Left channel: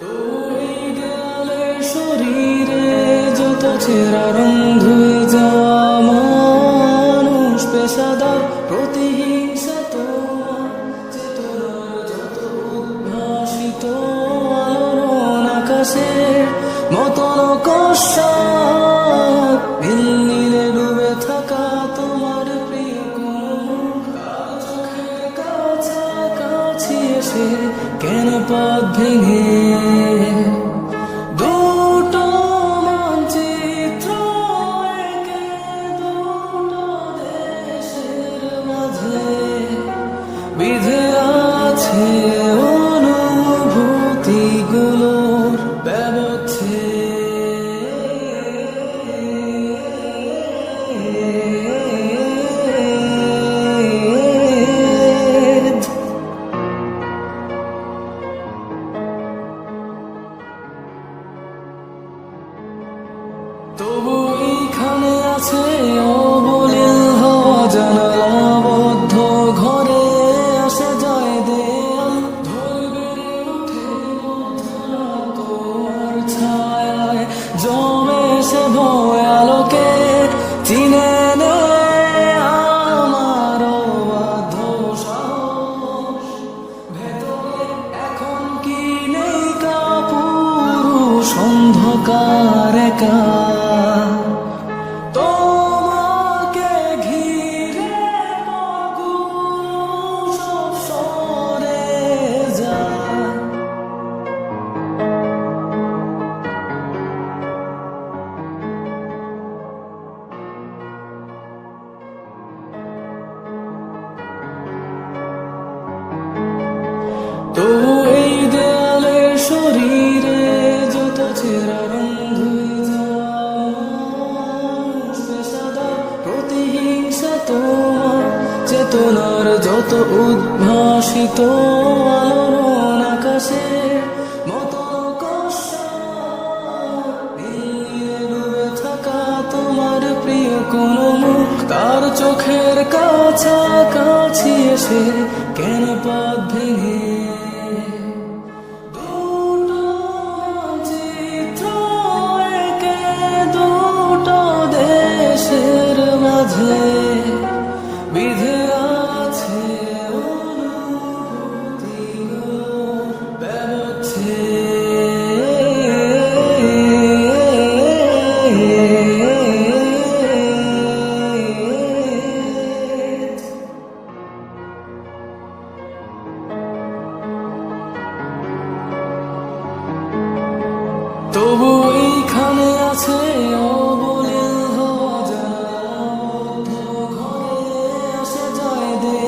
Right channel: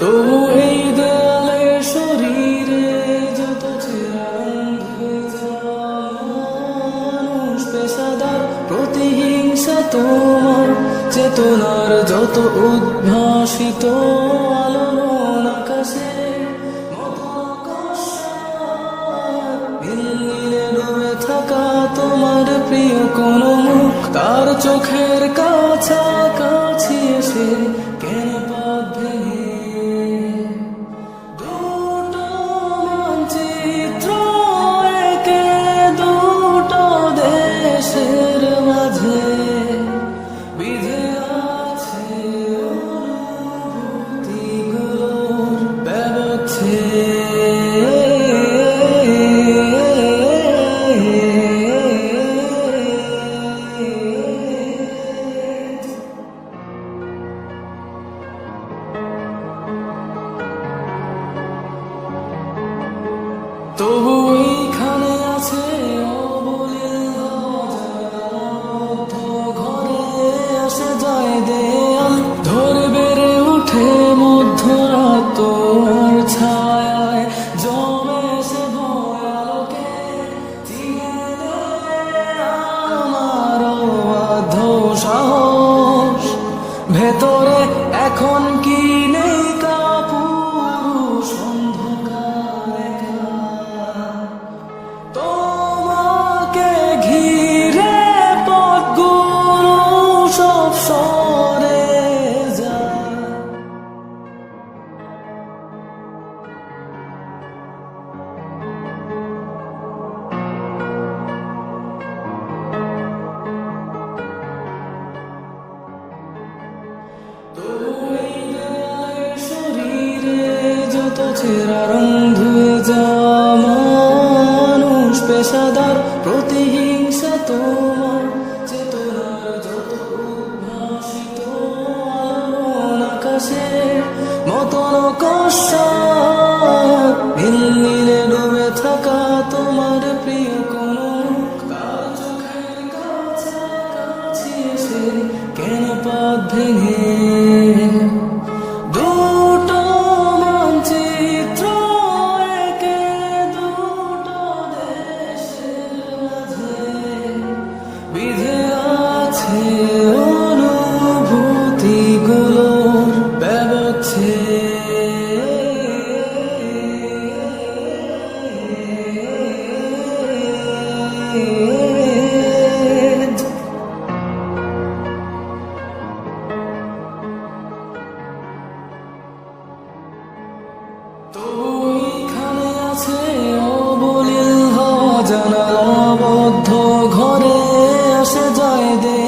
তবু এই দেয়ালে শরীরে যত ছেঁড়া রং ধুয়ে যাওয়া মানুষ, পেশাদার প্রতিহিংসা তোমার চেতনার যত উদ্ভাসিত আলোড়ন আকাশের মতন কষাক, নীলে ডুবে থাকা তোমার প্রিয় কোন মুখ তার চোখের কাছাকাছি এসে কেন পথ ভেঙে দুটো মানচিত্র একে দুটো দেশের মাঝে বিধে আছে অনুভূতিগুলোর ব্যবচ্ছেদ। তবু এইখানে আছে অবলীল হওয়া জানালাবদ্ধ ঘরে আসে যায় দেয়াল ধরে বেড়ে উঠে মধ্যরাত তোমার ছায়ায় জমে সে ভয় আলোকে চিনে নে আমার অবাধ্য সাহস। ভেতরে এখন কি নেই কাপুরুষ অন্ধকার একা, তোমাকে ঘিরে পথগুলো সব সরে যায়। তবু এই দেয়ালে শরীরে যত ছেঁড়া রং ধুয়ে যাওয়া মানুষ, পেশাদার প্রতিহিংসা তোমার চেতনার যত উদ্ভাসিত আলোড়ন আকাশের মতন কষাক, নীলে ডুবে থাকা তোমার প্রিয় কোন মুখ তার চোখের কাছাকাছি এসে কেন পথ ভেঙে দুটো মানচিত্র একে দুটো দেশের মাঝে বিধে আছে অনুভূতিগুলোর ব্যবচ্ছেদ। তবু এইখানে আছে অবলীল হওয়া জানালাবদ্ধ ঘরে আসে যায় দে